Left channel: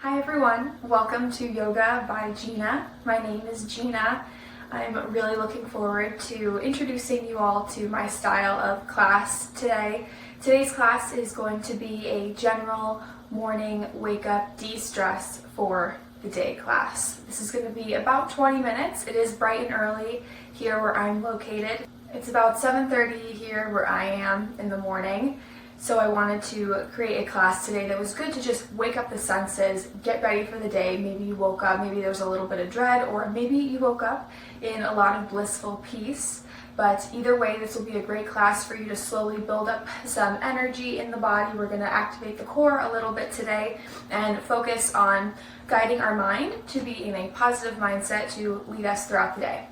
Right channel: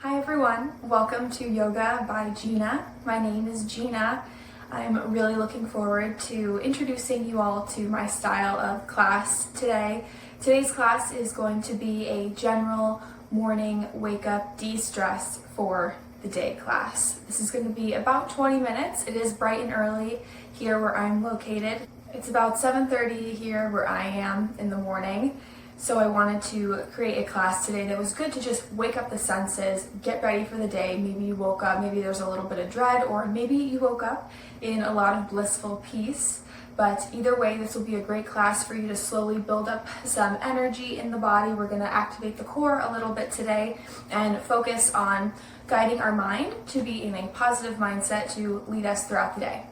Hi everyone, welcome to Yoga by Gina. My name is Gina. I'm really looking forward to introducing you all to my style of class today. Today's class is going to be a general morning wake up de-stress for the day class. This is going to be about 20 minutes. It is bright and early here where I'm located. It's about 7:30 here where I am in the morning. So I wanted to create a class today that was good to just wake up the senses, get ready for the day. Maybe you woke up, maybe there's a little bit of dread, or maybe you woke up in a lot of blissful peace. But either way, this will be a great class for you to slowly build up some energy in the body. We're going to activate the core a little bit today and focus on guiding our mind to be in a positive mindset to lead us throughout the day.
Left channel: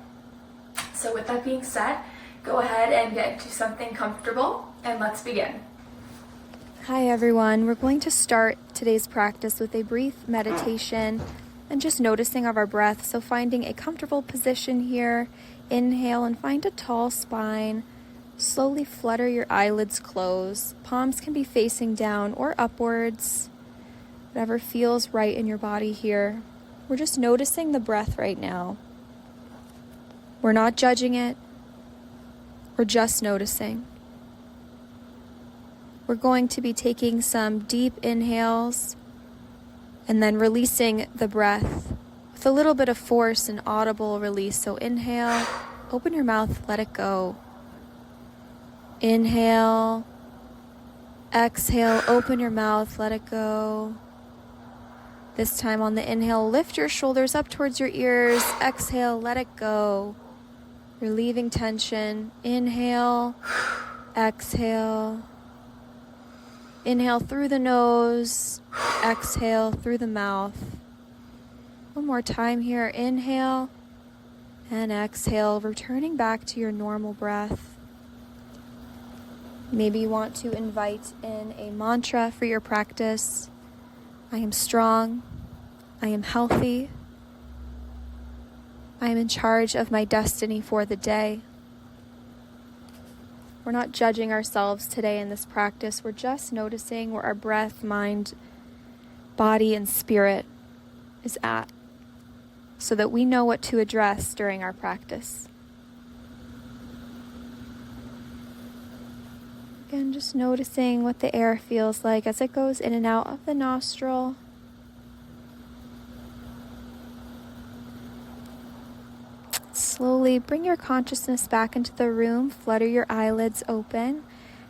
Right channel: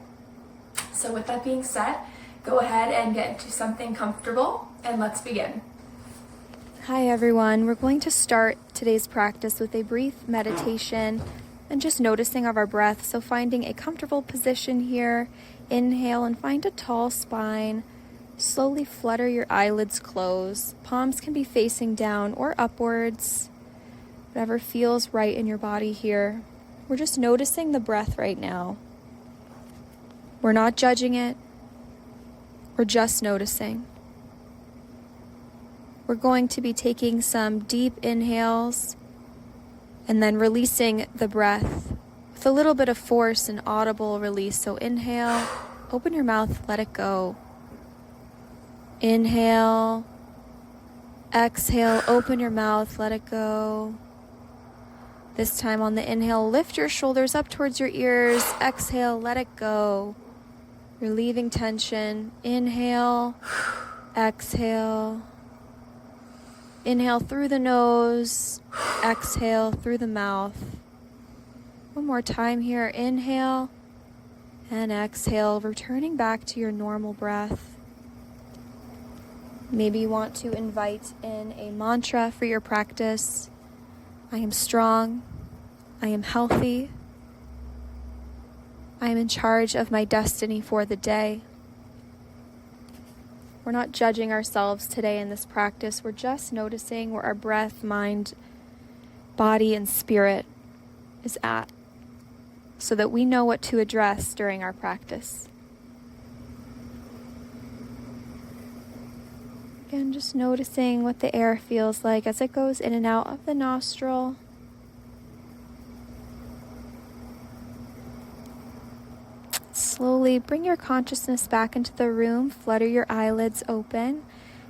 So with that being said, go ahead and get into something comfortable and let's begin. Hi everyone, we're going to start today's practice with a brief meditation and just noticing of our breath. So finding a comfortable position here, inhale and find a tall spine. Slowly flutter your eyelids close. Palms can be facing down or upwards. Whatever feels right in your body here. We're just noticing the breath right now. We're not judging it. We're just noticing. We're going to be taking some deep inhales and then releasing the breath with a little bit of force and audible release. So inhale, open your mouth, let it go. Inhale, exhale, open your mouth, let it go. This time on the inhale, lift your shoulders up towards your ears. Exhale, let it go. Relieving tension. Inhale, exhale. Inhale through the nose, exhale through the mouth. One more time here, inhale and exhale, returning back to your normal breath. Maybe you want to invite in a mantra for your practice. I am strong, I am healthy, I am in charge of my destiny for the day. We're not judging ourselves today in this practice. We're just noticing where our breath, mind, body, and spirit is at so that we know what to address during our practice. Again, just noticing what the air feels like as it goes in and out of the nostril. Slowly bring your consciousness back into the room, flutter your eyelids open,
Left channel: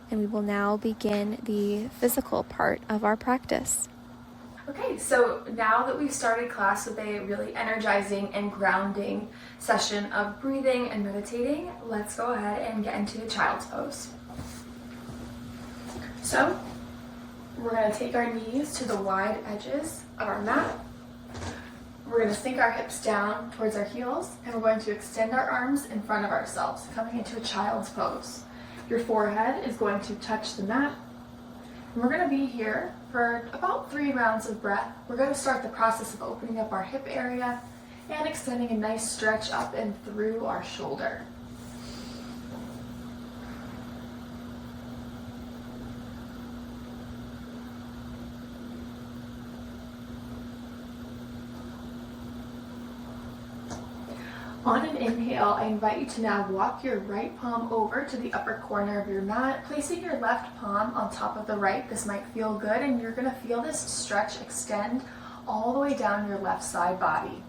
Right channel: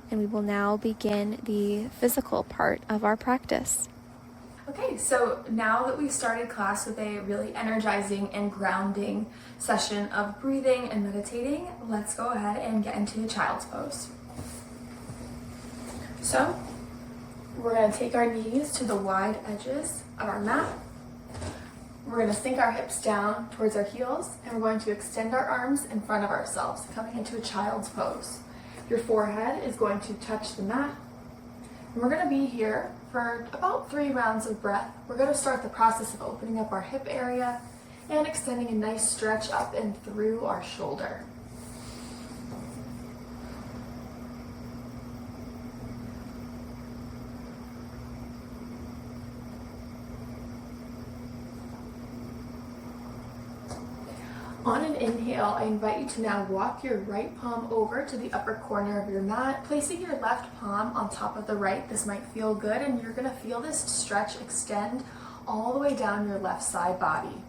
and we will now begin the physical part of our practice. Okay, so now that we've started class with a really energizing and grounding session of breathing and meditating, let's go ahead and get into a child's pose. So we're going to take our knees to the wide edges of our mat. We're going to sink our hips down towards our heels, and we're going to extend our arms in front of ourselves, coming into a child's pose. Your forehead is going to touch the mat, and we're going to be here for about 3 rounds of breath. We're going to start the process of opening up our hip area and extending a nice stretch up and through our shoulder. On an inhale, I invite you to now walk your right palm over to the upper corner of your mat, placing your left palm on top of the right. This might feel good, and you're going to feel this stretch extend all the way down your left side body.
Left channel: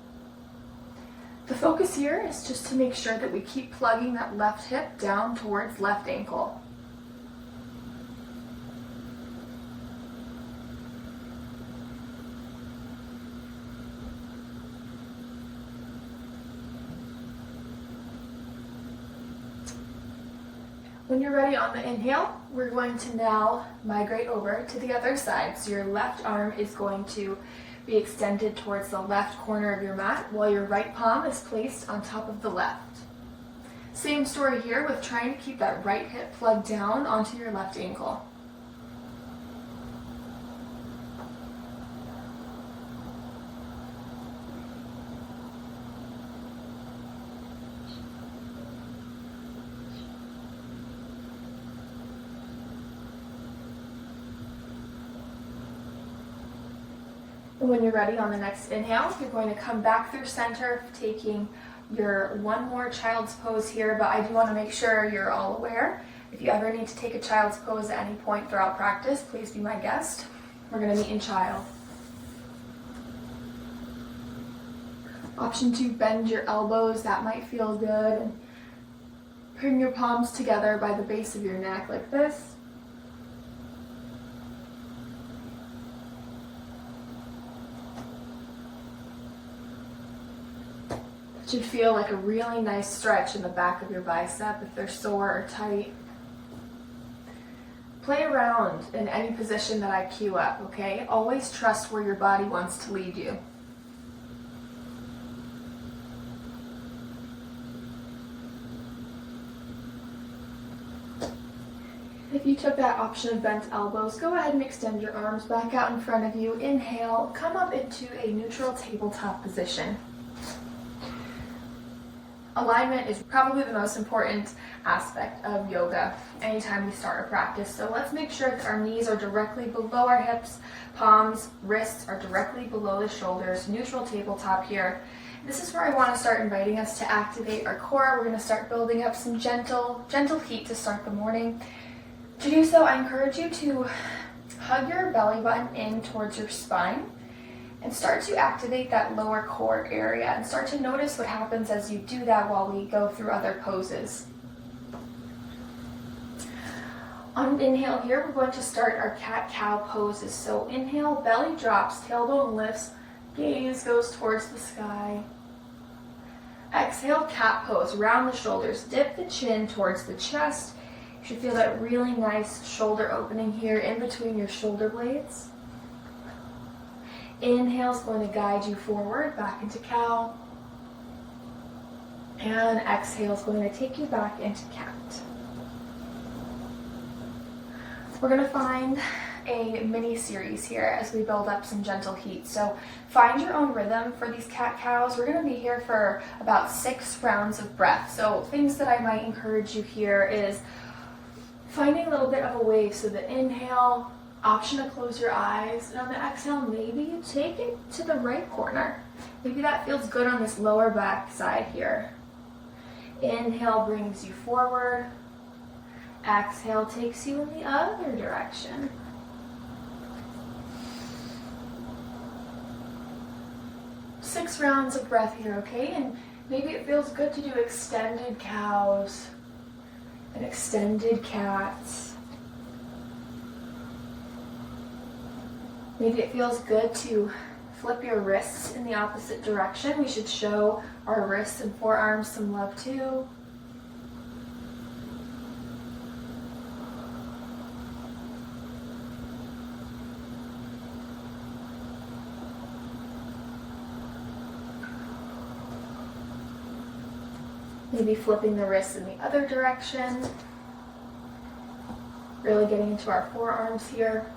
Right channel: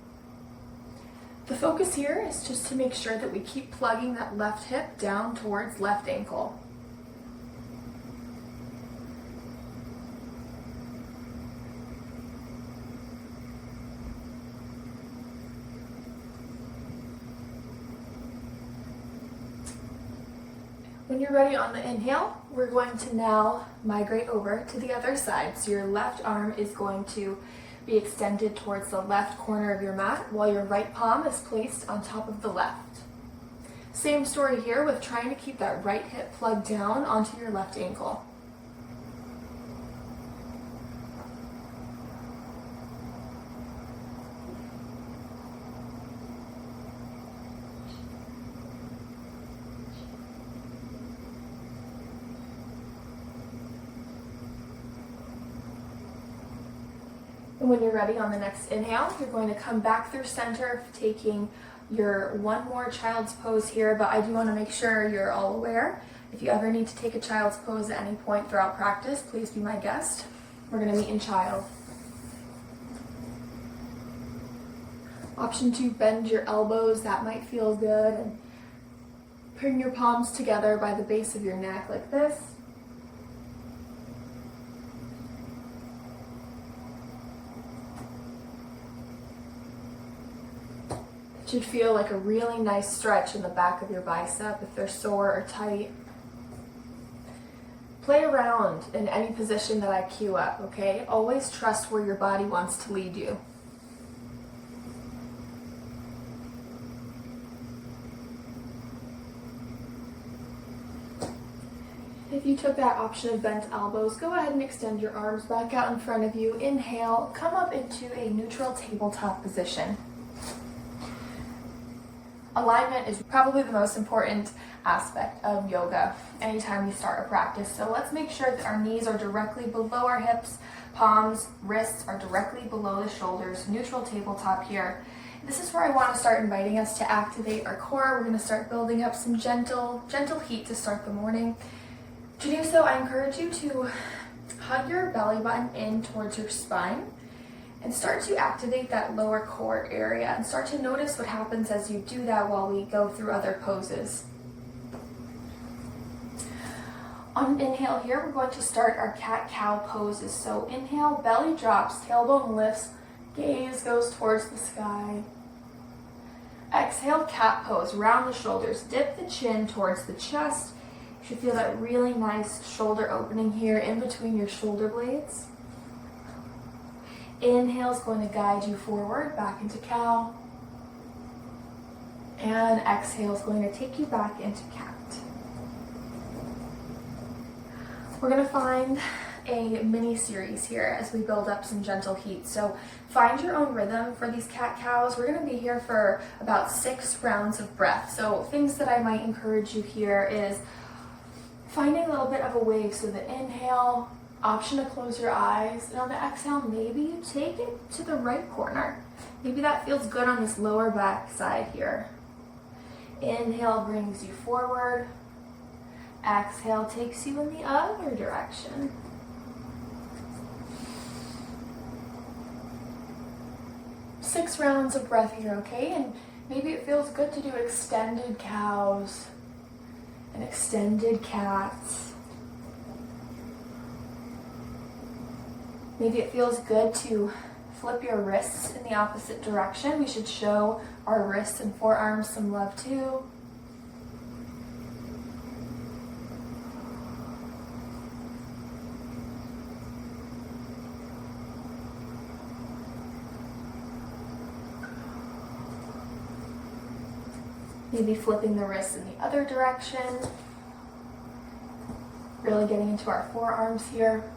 The focus here is just to make sure that we keep plugging that left hip down towards left ankle. When you're ready on the inhale, we're going to now migrate over to the other side. So your left arm is going to be extended towards the left corner of your mat while your right palm is placed on top of the left. Same story here with trying to keep that right hip plugged down onto your left ankle. And when you're ready on the next inhale, you're going to come back through center, taking your one more child's pose here, but I do want to make sure you're all aware. If you ever need to take a child's pose at any point throughout practice, please be my guest. We're going to meet in child. Option 2, bend your elbows. That might feel good. And bring your palms together by the base of your neck like this. It should feel like a really nice stretch in the back of your bicep if they're sore or tight. Play around in any position that I cue up, okay? Always trust where your body wants to lead you. If you took that option of bent elbows, go ahead and extend your arms back out in front of you. Inhale, come up into a neutral tabletop position. Alignment is probably the most important aspect of yoga anytime we start a practice. So let's make sure that our knees are directly below our hips, palms, wrists are directly below the shoulders, neutral tabletop here. This is where I want to start inviting us to activate our core. We're going to start building up some gentle heat to start the morning. To do so, I encourage you to hug your belly button in towards your spine and start to activate that lower core area and start to notice what happens as you do that while we go through other poses. On an inhale here, we're going to start our cat-cow poses. So inhale, belly drops, tailbone lifts, gaze goes towards the sky. Exhale, cat pose, round the shoulders, dip the chin towards the chest. You should feel that really nice shoulder opening here in between your shoulder blades. Inhale is going to guide you forward, back into cow. And exhale is going to take you back into cat. We're going to find a mini series here as we build up some gentle heat. So find your own rhythm for these cat-cows. We're going to be here for about 6 rounds of breath. So things that I might encourage you here is finding a little bit of a wave. So the inhale, option to close your eyes, and on the exhale, maybe you take it to the right corner. Maybe that feels good on this lower back side here. Inhale brings you forward. Exhale takes you in the other direction. Six rounds of breath here, okay? And maybe it feels good to do extended cows and extended cats. Maybe it feels good to flip your wrists in the opposite direction. We should show our wrists and forearms some love too. Maybe flipping the wrists in the other direction. Really getting into our forearms here.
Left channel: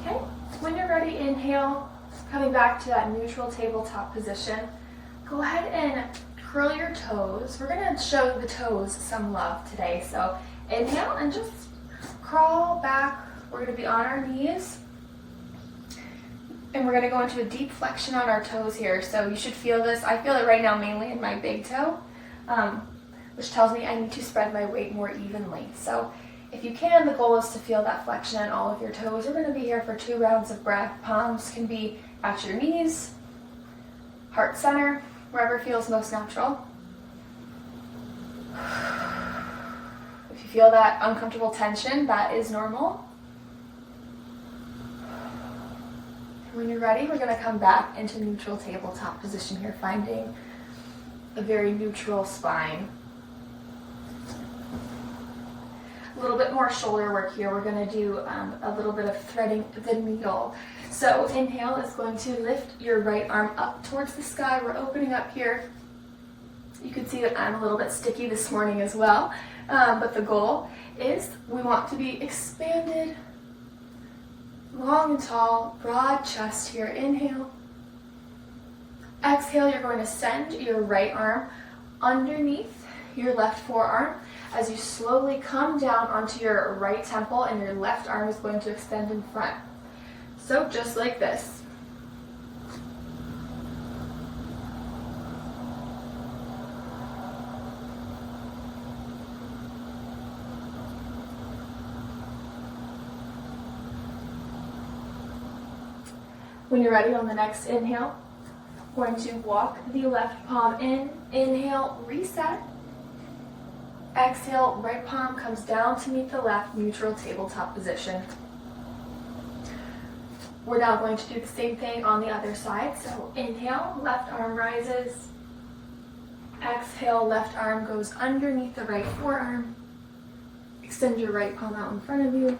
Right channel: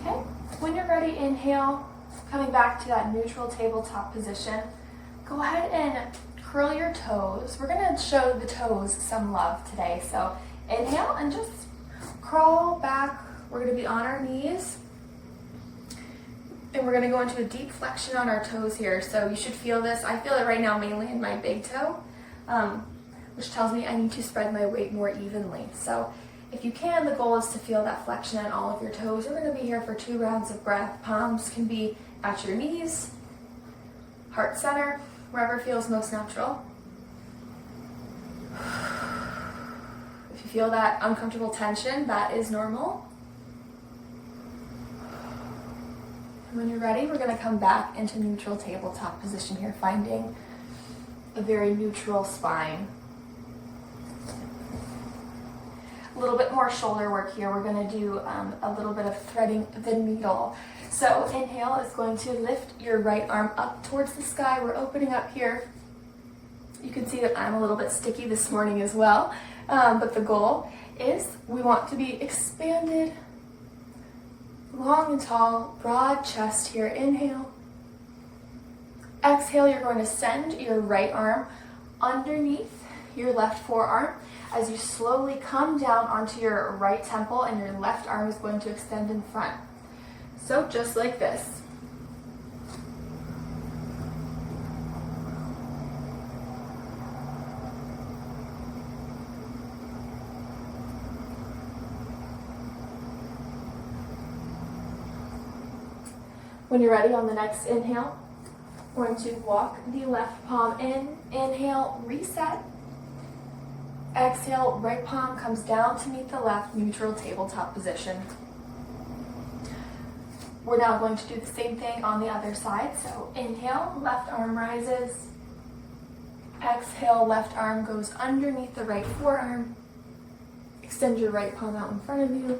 Okay, when you're ready, inhale, coming back to that neutral tabletop position. Go ahead and curl your toes. We're gonna show the toes some love today. So inhale and just crawl back. We're going to be on our knees. And we're going to go into a deep flexion on our toes here. So you should feel this. I feel it right now mainly in my big toe, which tells me I need to spread my weight more evenly. So if you can, the goal is to feel that flexion in all of your toes. We're going to be here for 2 rounds of breath. Palms can be at your knees, heart center, wherever feels most natural. Feel that uncomfortable tension, that is normal. And when you're ready, we're going to come back into neutral tabletop position here, finding a very neutral spine. A little bit more shoulder work here. We're going to do a little bit of threading the needle. So inhale is going to lift your right arm up towards the sky. We're opening up here. You can see that I'm a little bit sticky this morning as well. But the goal is we want to be expanded, long and tall, broad chest here. Inhale. Exhale, you're going to send your right arm underneath your left forearm as you slowly come down onto your right temple, and your left arm is going to extend in front. So just like this. When you're ready, on the next inhale, we're going to walk the left palm in. Inhale, reset. Exhale, right palm comes down to meet the left, neutral tabletop position. We're now going to do the same thing on the other side. So inhale, left arm rises. Exhale, left arm goes underneath the right forearm. Extend your right palm out in front of you.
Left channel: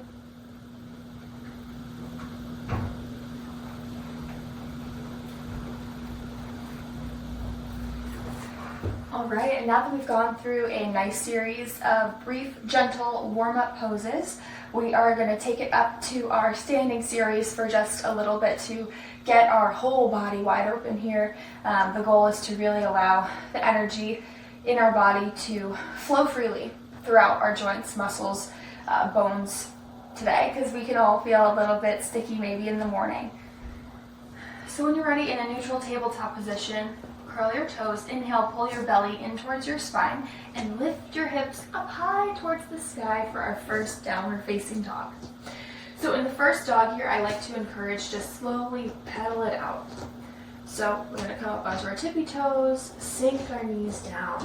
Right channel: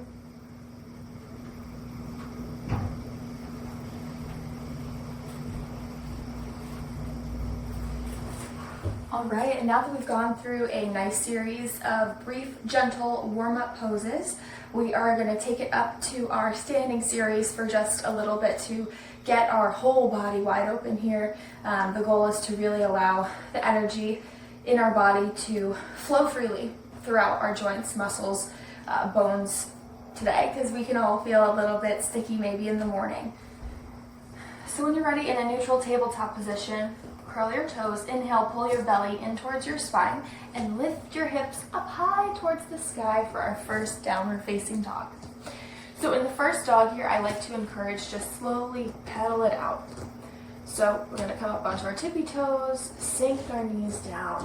All right, and now that we've gone through a nice series of brief, gentle warm-up poses, we are going to take it up to our standing series for just a little bit to get our whole body wide open here. The goal is to really allow the energy in our body to flow freely throughout our joints, muscles, bones today, because we can all feel a little bit sticky maybe in the morning. So when you're ready, in a neutral tabletop position, curl your toes, inhale, pull your belly in towards your spine, and lift your hips up high towards the sky for our first downward facing dog. So in the first dog here, I like to encourage just slowly pedal it out. So we're gonna come up onto our tippy toes, sink our knees down.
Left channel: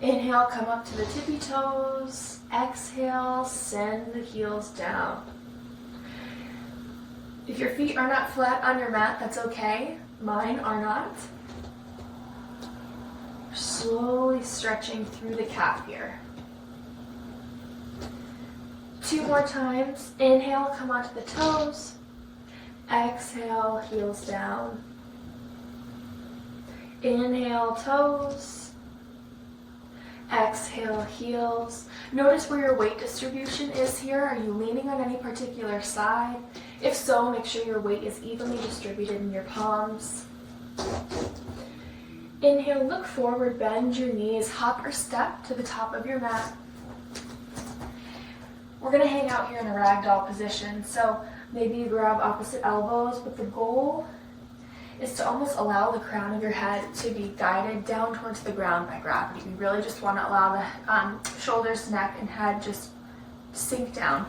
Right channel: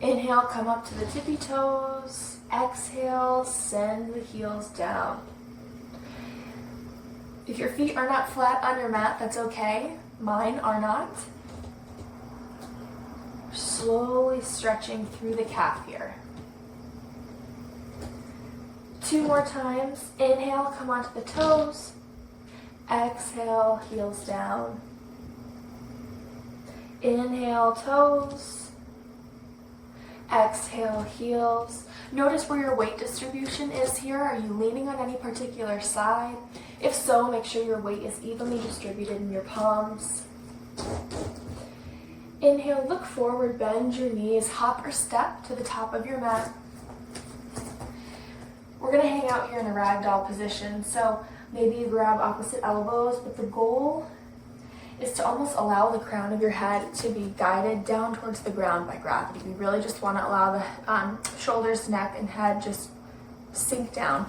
Inhale, come up to the tippy toes. Exhale, send the heels down. If your feet are not flat on your mat, that's okay. Mine are not. Slowly stretching through the calf here. 2 more times. Inhale, come onto the toes. Exhale, heels down. Inhale, toes. Exhale, heels. Notice where your weight distribution is here. Are you leaning on any particular side? If so, make sure your weight is evenly distributed in your palms. Inhale, look forward, bend your knees, hop or step to the top of your mat. We're gonna hang out here in a ragdoll position, so maybe you grab opposite elbows, but the goal is to almost allow the crown of your head to be guided down towards the ground by gravity. We really just want to allow the shoulders, neck, and head just sink down.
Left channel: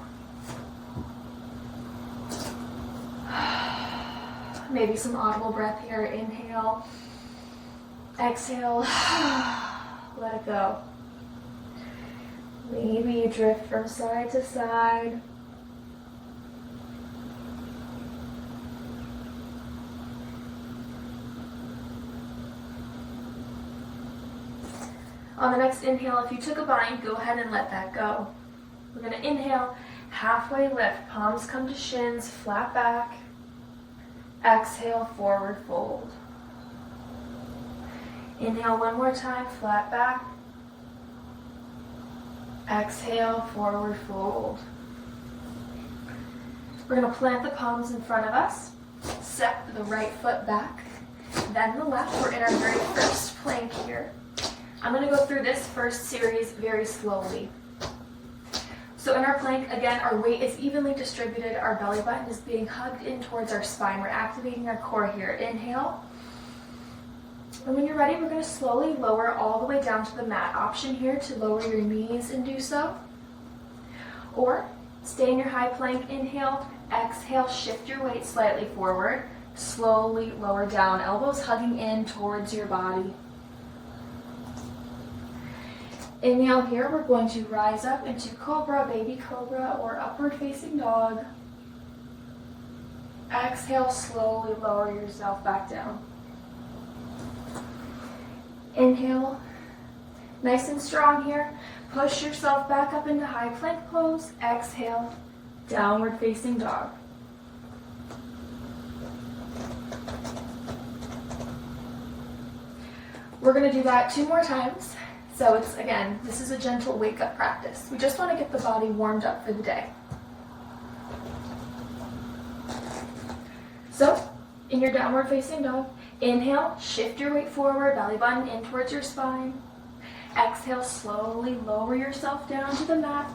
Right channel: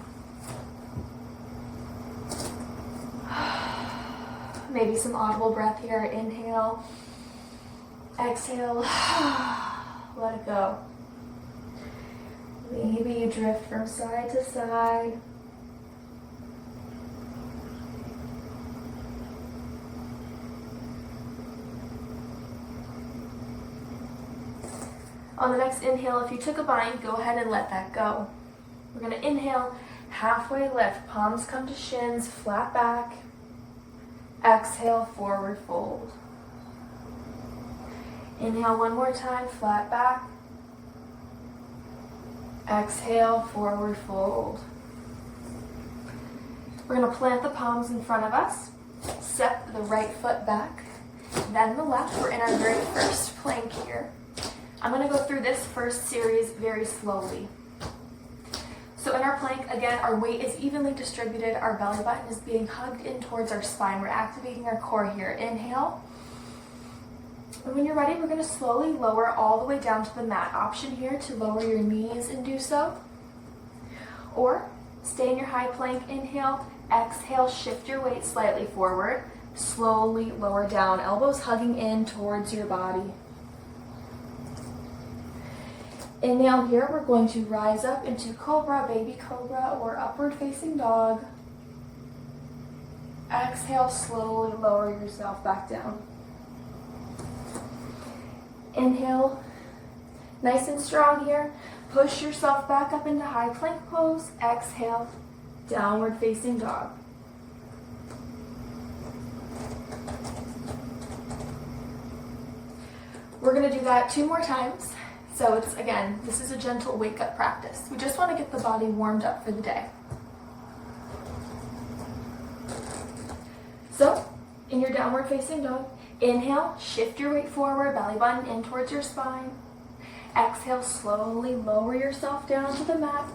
Maybe some audible breath here. Inhale, exhale, let it go. Maybe you drift from side to side. On the next inhale, if you took a bind, go ahead and let that go. We're going to inhale, halfway lift, palms come to shins, flat back. Exhale, forward fold. Inhale one more time, flat back. Exhale, forward fold. We're going to plant the palms in front of us, step the right foot back, then the left. We're in our very first plank here. I'm going to go through this first series very slowly. So in our plank, again, our weight is evenly distributed. Our belly button is being hugged in towards our spine. We're activating our core here. Inhale. And when you're ready, we're going to slowly lower all the way down to the mat. Option here to lower your knees and do so. Or stay in your high plank. Inhale. Exhale. Shift your weight slightly forward. Slowly lower down. Elbows hugging in towards your body. Inhale here, we're going to rise up into cobra, baby cobra, or upward facing dog. Exhale, slowly lower yourself back down. Inhale, nice and strong here. Push yourself back up into high plank pose. Exhale, downward facing dog. We're going to do that 2 more times. So it's, again, this is a gentle wake-up practice. We just want to get the body warmed up for the day. So, In your downward facing dog, inhale, shift your weight forward, belly button in towards your spine. Exhale, slowly lower yourself down to the mat.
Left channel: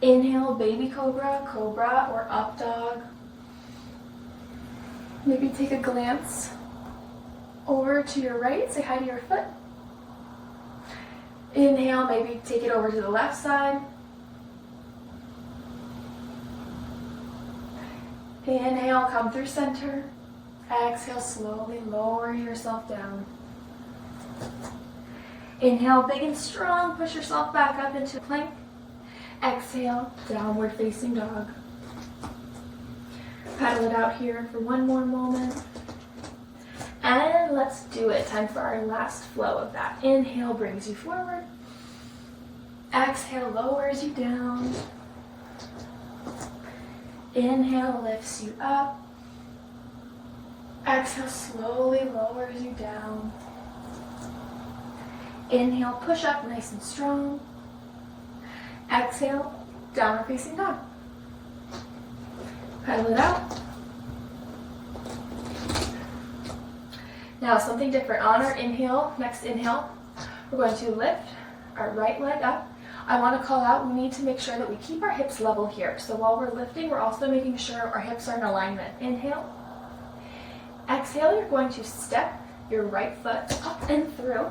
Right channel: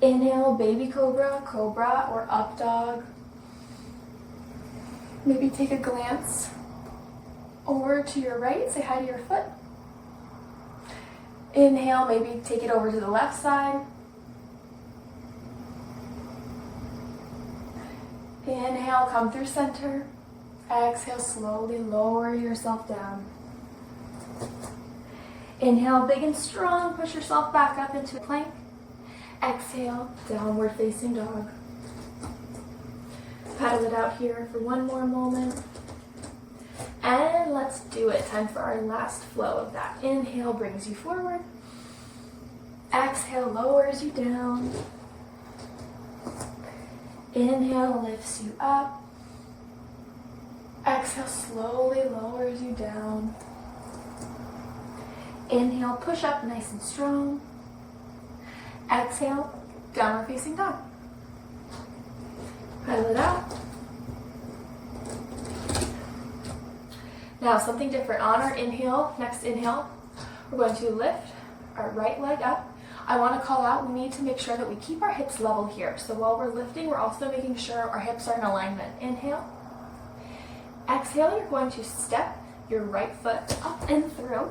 Inhale, baby cobra, cobra, or up dog. Maybe take a glance over to your right, say hi to your foot. Inhale, maybe take it over to the left side. Inhale, come through center. Exhale, slowly lower yourself down. Inhale, big and strong, push yourself back up into plank. Exhale, downward facing dog. Paddle it out here for one more moment. And let's do it. Time for our last flow of that. Inhale brings you forward. Exhale lowers you down. Inhale lifts you up. Exhale slowly lowers you down. Inhale, push up nice and strong. Exhale, downward facing dog. Paddle it out. Now something different. On our inhale, next inhale, we're going to lift our right leg up. I want to call out, we need to make sure that we keep our hips level here. So while we're lifting, we're also making sure our hips are in alignment. Inhale. Exhale, you're going to step your right foot up and through,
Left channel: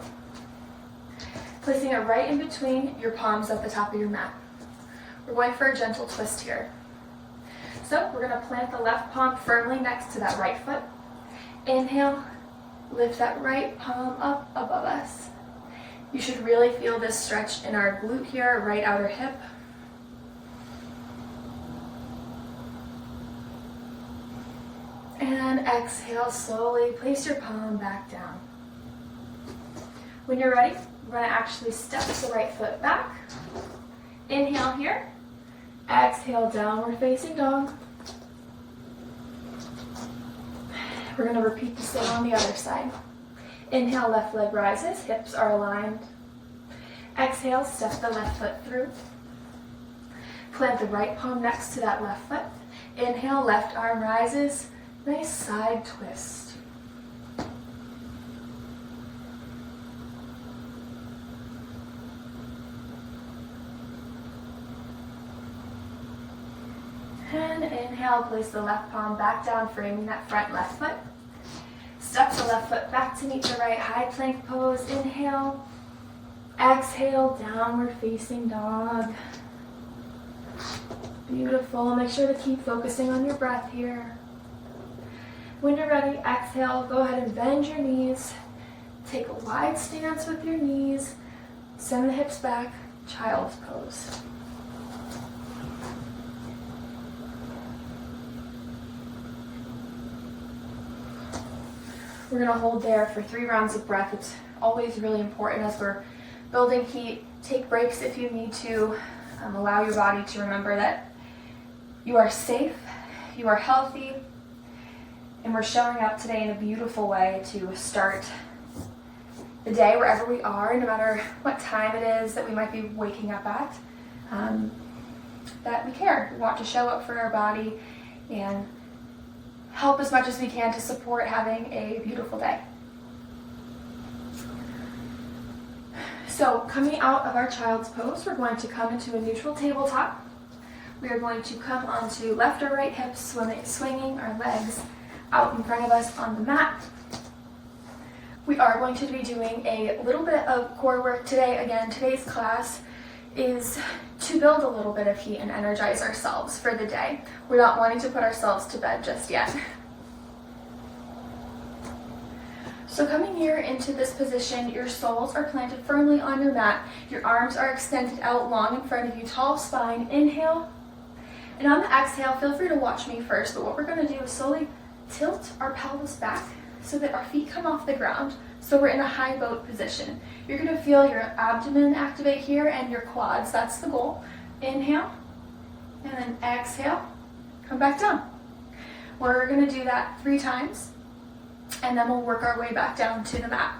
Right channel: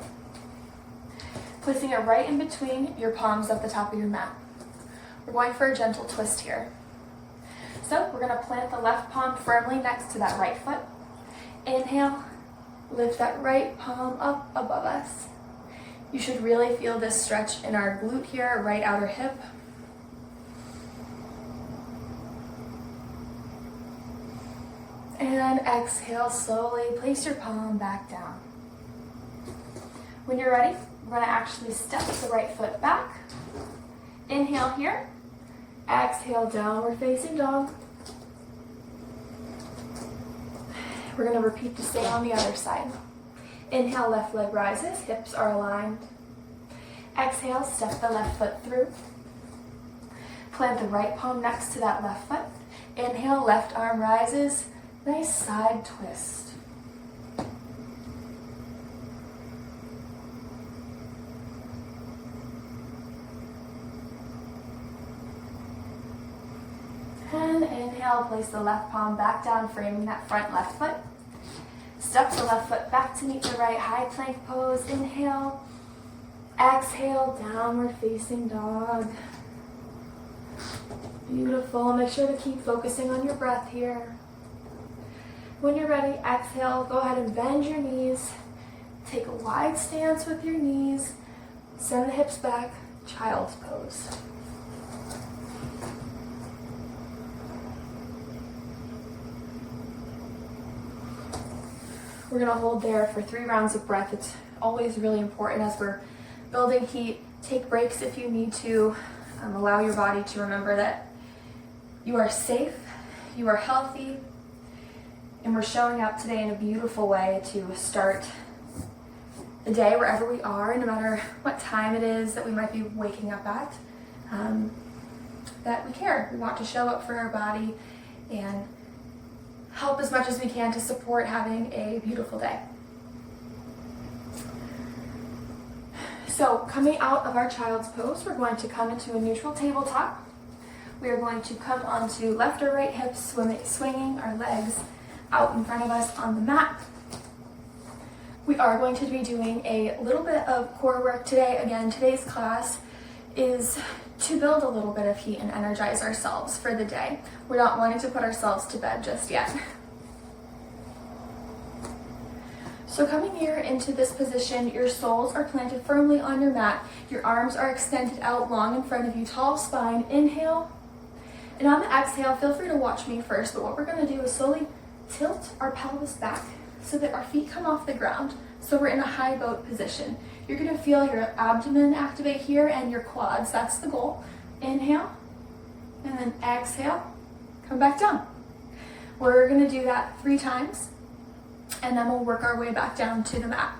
placing it right in between your palms at the top of your mat. We're going for a gentle twist here. So we're going to plant the left palm firmly next to that right foot. Inhale, lift that right palm up above us. You should really feel this stretch in our glute here, right outer hip. And exhale, slowly place your palm back down. When you're ready, we're going to actually step the right foot back. Inhale here. Exhale, downward facing dog. We're going to repeat the same on the other side. Inhale, left leg rises, hips are aligned. Exhale, step the left foot through. Plant the right palm next to that left foot. Inhale, left arm rises, nice side twist. And inhale, place the left palm back down, framing that front left foot. Step the left foot back to meet the right, high plank pose. Inhale, exhale, downward facing dog. Beautiful. Make sure to keep focusing on your breath here. When you're ready, exhale, go ahead and bend your knees. Take a wide stance with your knees. Send the hips back, child's pose. We're going to hold there for 3 rounds of breath. It's always really important as we're building heat. Take breaks if you need to. Allow your body to remember that you are safe, you are healthy, and we're showing up today in a beautiful way to start the day wherever we are, no matter what time it is that we might be waking up at, that we care. We want to show up for our body and help as much as we can to support having a beautiful day. So coming out of our child's pose, we're going to come into a neutral tabletop. We are going to come onto left or right hips, swinging our legs out in front of us on the mat. We are going to be doing a little bit of core work today. Again, today's class is to build a little bit of heat and energize ourselves for the day. We're not wanting to put ourselves to bed just yet. So coming here into this position, your soles are planted firmly on your mat. Your arms are extended out long in front of you, tall spine. Inhale. And on the exhale, feel free to watch me first, but what we're going to do is slowly tilt our pelvis back so that our feet come off the ground. So we're in a high boat position. You're going to feel your abdomen activate here and your quads. That's the goal. Inhale. And then exhale. Come back down. We're going to do that 3 times. And then we'll work our way back down to the mat.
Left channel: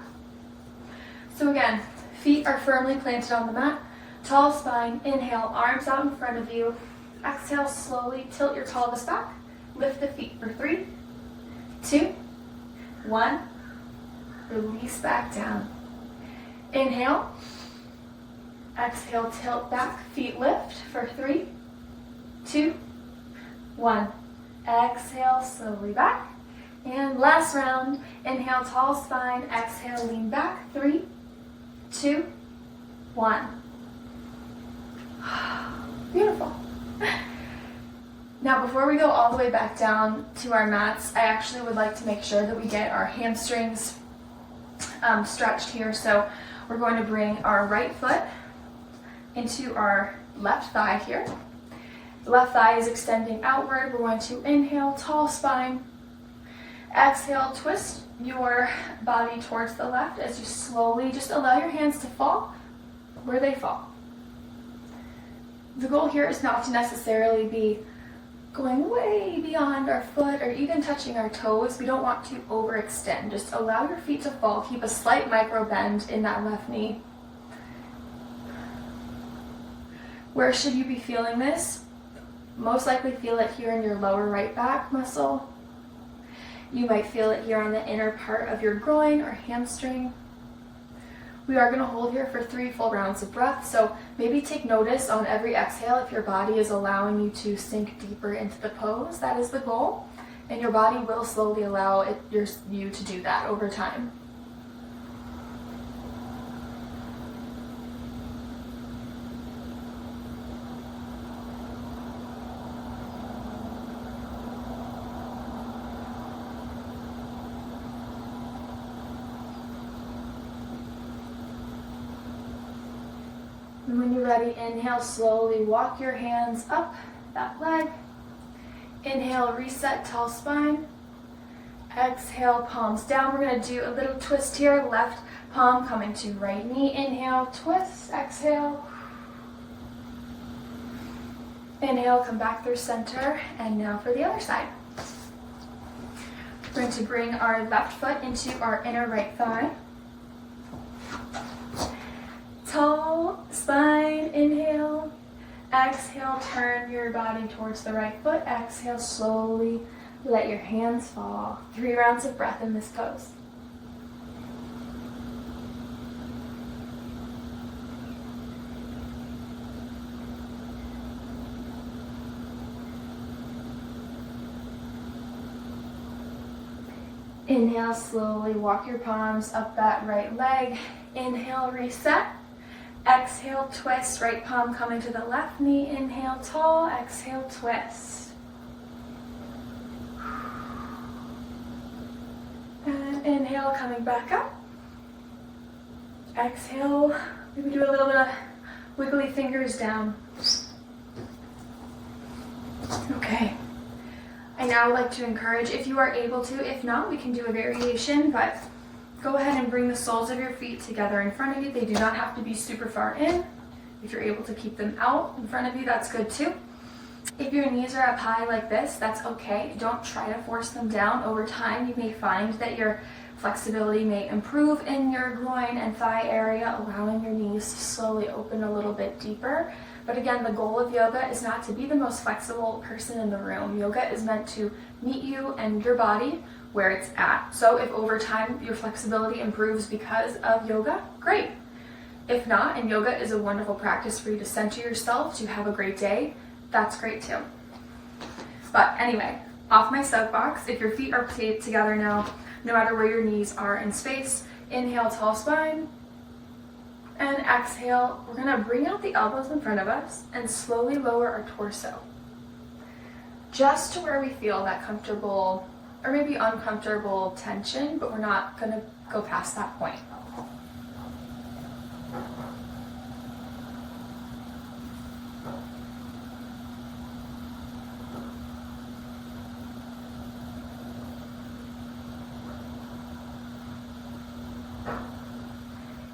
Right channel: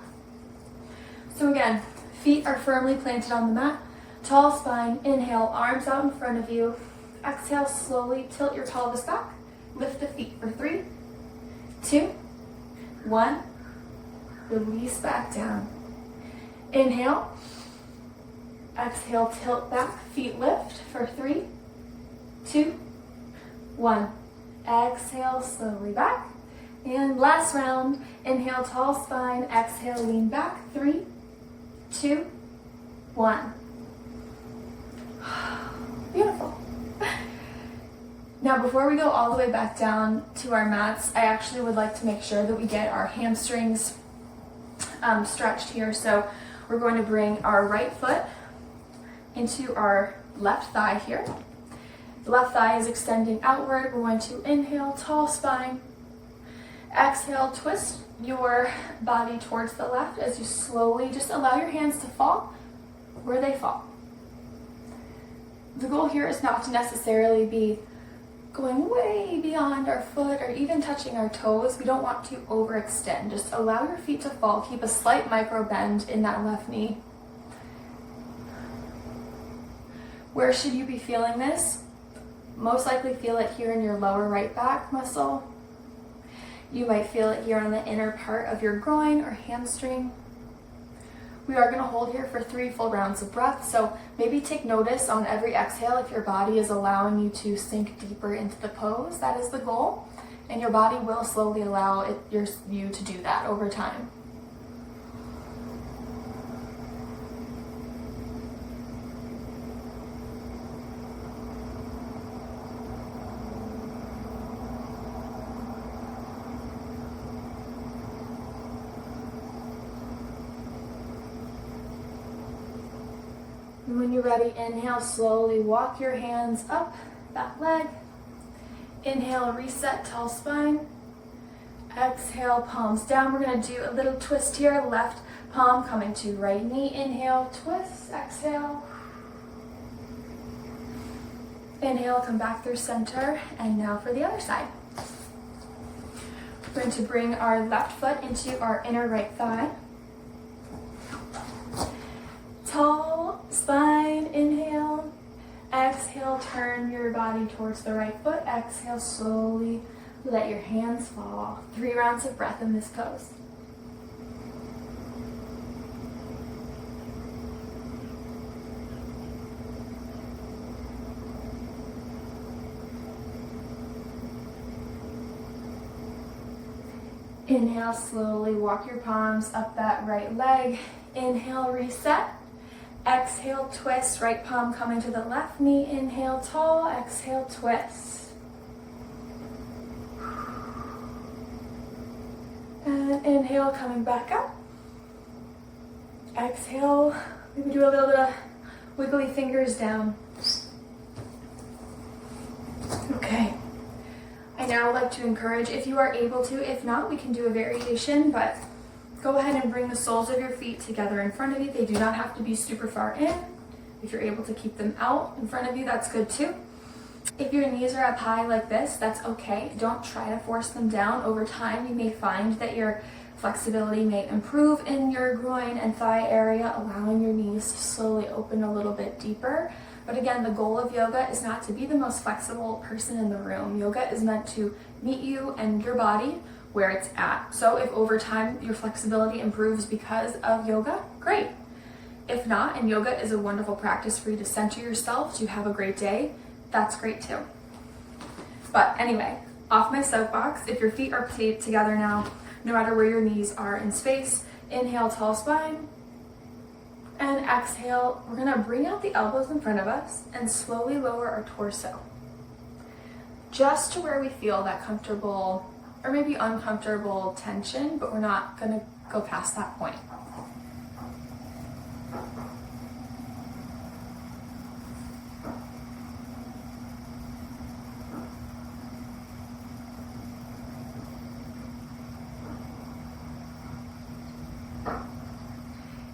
So again, feet are firmly planted on the mat. Tall spine. Inhale, arms out in front of you. Exhale, slowly tilt your pelvis back. Lift the feet for 3, 2, 1. Release back down. Inhale. Exhale, tilt back, feet lift for 3, 2, 1. Exhale, slowly back. And last round, inhale, tall spine, exhale, lean back, 3, 2, 1. Beautiful. Now, before we go all the way back down to our mats, I actually would like to make sure that we get our hamstrings stretched here. So we're going to bring our right foot into our left thigh here. The left thigh is extending outward. We're going to inhale, tall spine. Exhale, twist your body towards the left as you slowly just allow your hands to fall where they fall. The goal here is not to necessarily be going way beyond our foot or even touching our toes. We don't want to overextend. Just allow your feet to fall. Keep a slight micro bend in that left knee. Where should you be feeling this? Most likely feel it here in your lower right back muscle. You might feel it here on the inner part of your groin or hamstring. We are going to hold here for 3 full rounds of breath, so maybe take notice on every exhale if your body is allowing you to sink deeper into the pose. That is the goal, and your body will slowly allow you to do that over time. And when you're ready, inhale, slowly walk your hands up that leg. Inhale, reset, tall spine. Exhale, palms down. We're going to do a little twist here. Left palm coming to right knee. Inhale, twist, exhale. Inhale, come back through center. And now for the other side. We're going to bring our left foot into our inner right thigh. Tall spine, inhale. Exhale, turn your body towards the right foot. Exhale, slowly let your hands fall. 3 rounds of breath in this pose. Inhale, slowly walk your palms up that right leg. Inhale, reset. Exhale, twist, right palm coming to the left knee. Inhale, tall, exhale, twist. And inhale, coming back up. Exhale, maybe do a little bit of wiggly fingers down. Okay. I now would like to encourage, if you are able to, if not, we can do a variation, but go ahead and bring the soles of your feet together in front of you. They do not have to be super far in. If you're able to keep them out in front of you, that's good too. If your knees are up high like this, that's okay. Don't try to force them down. Over time, you may find that your flexibility may improve in your groin and thigh area, allowing your knees to slowly open a little bit deeper. But again, the goal of yoga is not to be the most flexible person in the room. Yoga is meant to meet you and your body where it's at. So if over time your flexibility improves because of yoga, great. If not, and yoga is a wonderful practice for you to center yourself, to have a great day, that's great too. But anyway, off my soapbox, if your feet are taped together now, no matter where your knees are in space, inhale, tall spine, and exhale, we're gonna bring out the elbows in front of us and slowly lower our torso. Just to where we feel that comfortable or maybe uncomfortable tension, but we're not gonna go past that point.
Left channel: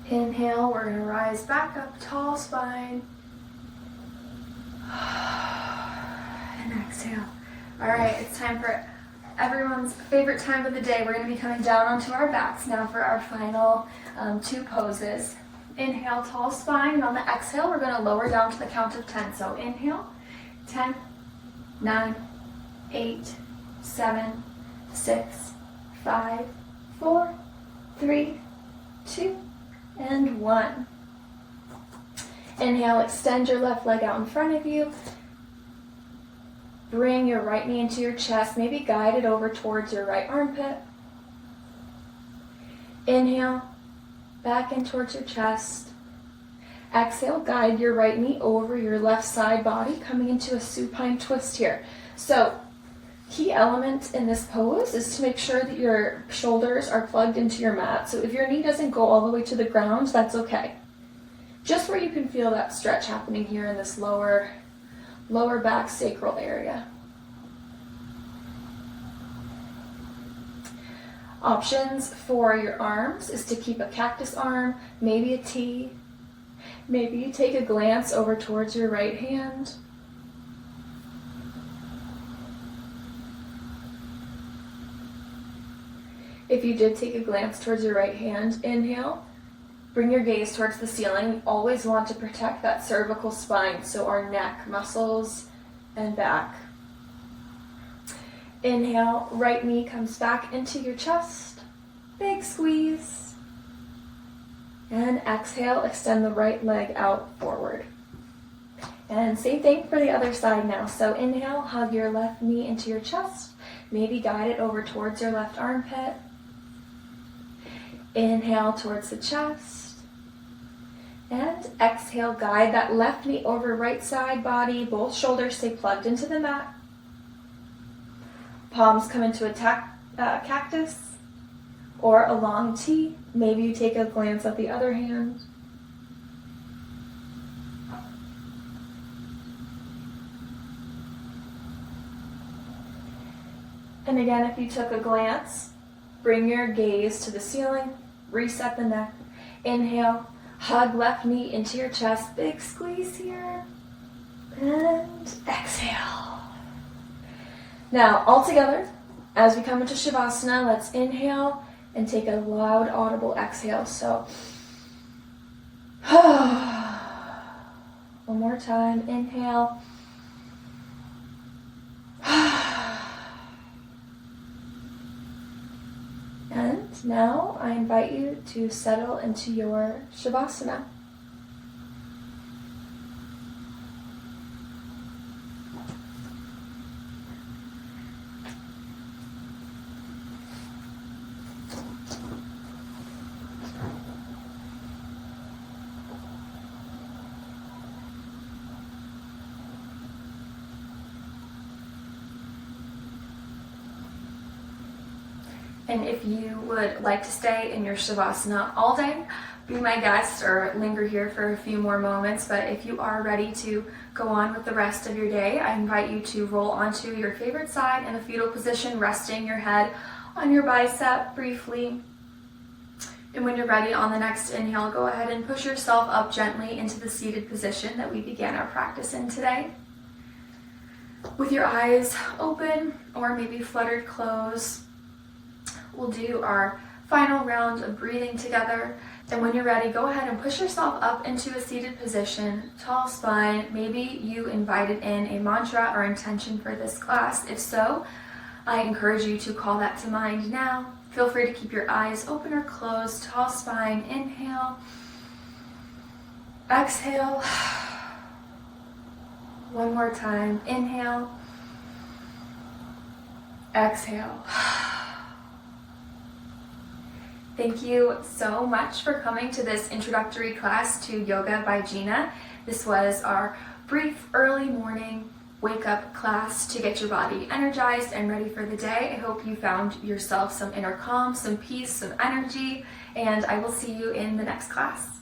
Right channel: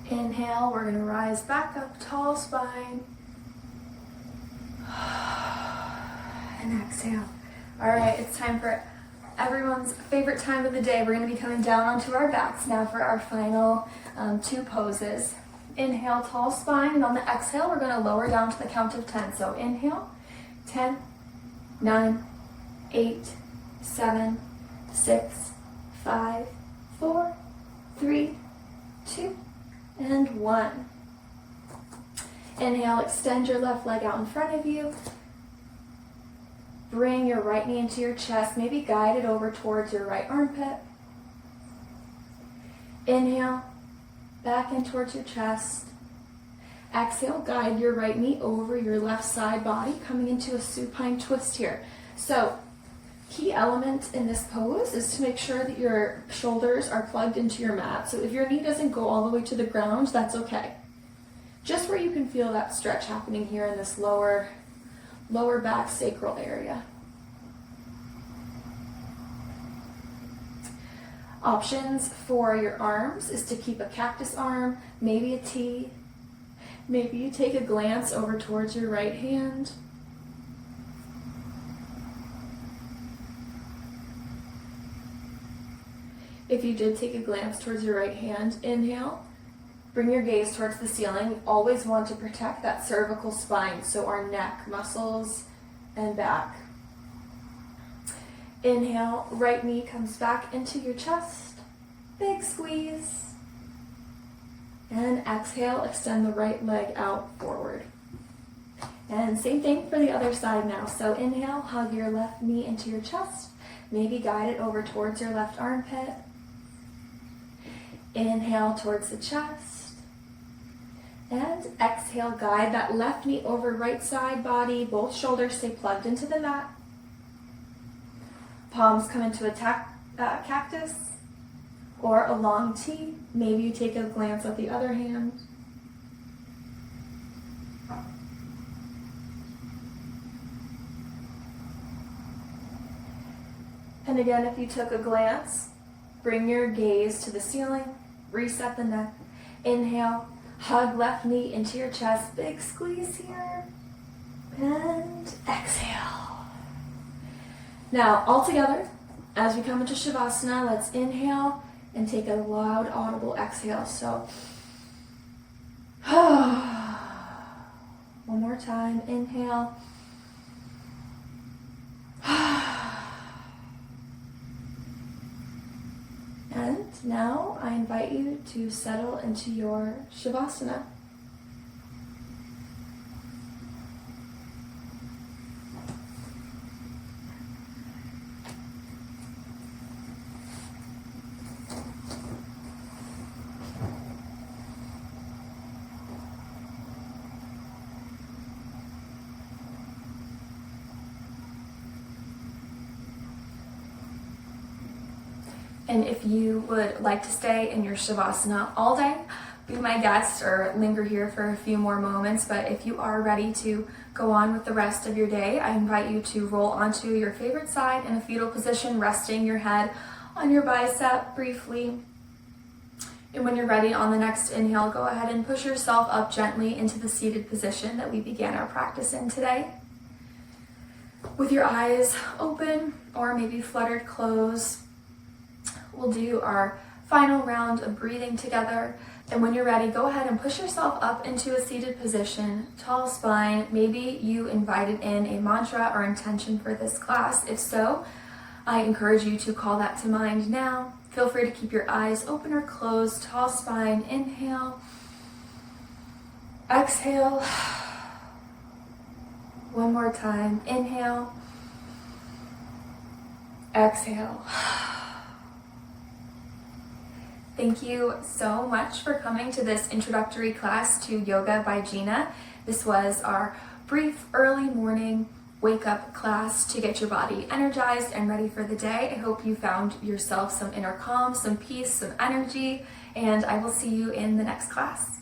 Inhale, we're gonna rise back up, tall spine. And exhale. All right, it's time for everyone's favorite time of the day. We're gonna be coming down onto our backs now for our final 2 poses. Inhale, tall spine, and on the exhale, we're gonna lower down to the count of 10. So inhale, 10, 9, 8, 7, 6, 5, 4, 3, 2, and 1. Inhale, extend your left leg out in front of you. Bring your right knee into your chest, maybe guide it over towards your right armpit. Inhale, back in towards your chest. Exhale, guide your right knee over your left side body, coming into a supine twist here. So, key element in this pose is to make sure that your shoulders are plugged into your mat. So if your knee doesn't go all the way to the ground, that's okay. Just where you can feel that stretch happening here in this lower back sacral area. Options for your arms is to keep a cactus arm, maybe a T. Maybe you take a glance over towards your right hand. If you did take a glance towards your right hand, inhale, bring your gaze towards the ceiling. We always want to protect that cervical spine, so our neck, muscles, and back. Inhale, right knee comes back into your chest. Big squeeze. And exhale, extend the right leg out forward. And same thing for the other side now. So inhale, hug your left knee into your chest. Maybe guide it over towards your left armpit. Inhale towards the chest. And exhale, guide that left knee over right side body. Both shoulders stay plugged into the mat. Palms come into a cactus or a long T. Maybe you take a glance at the other hand. And again, if you took a glance, bring your gaze to the ceiling, reset the neck. Inhale, hug left knee into your chest, big squeeze here, and exhale. Now, all together, as we come into Shavasana, let's inhale and take a loud, audible exhale. So, one more time, inhale. And now I invite you to settle into your Shavasana. And if you would like to stay in your Shavasana all day, be my guest or linger here for a few more moments. But if you are ready to go on with the rest of your day, I invite you to roll onto your favorite side in a fetal position, resting your head on your bicep briefly. And when you're ready on the next inhale, go ahead and push yourself up gently into the seated position that we began our practice in today. With your eyes open or maybe fluttered closed, we'll do our final round of breathing together. And when you're ready, go ahead and push yourself up into a seated position, tall spine. Maybe you invited in a mantra or intention for this class. If so, I encourage you to call that to mind now. Feel free to keep your eyes open or closed. Tall spine, inhale. Exhale. One more time, inhale. Exhale. Thank you so much for coming to this introductory class to Yoga by Gina. This was our brief early morning wake up class to get your body energized and ready for the day. I hope you found yourself some inner calm, some peace, some energy, and I will see you in the next class.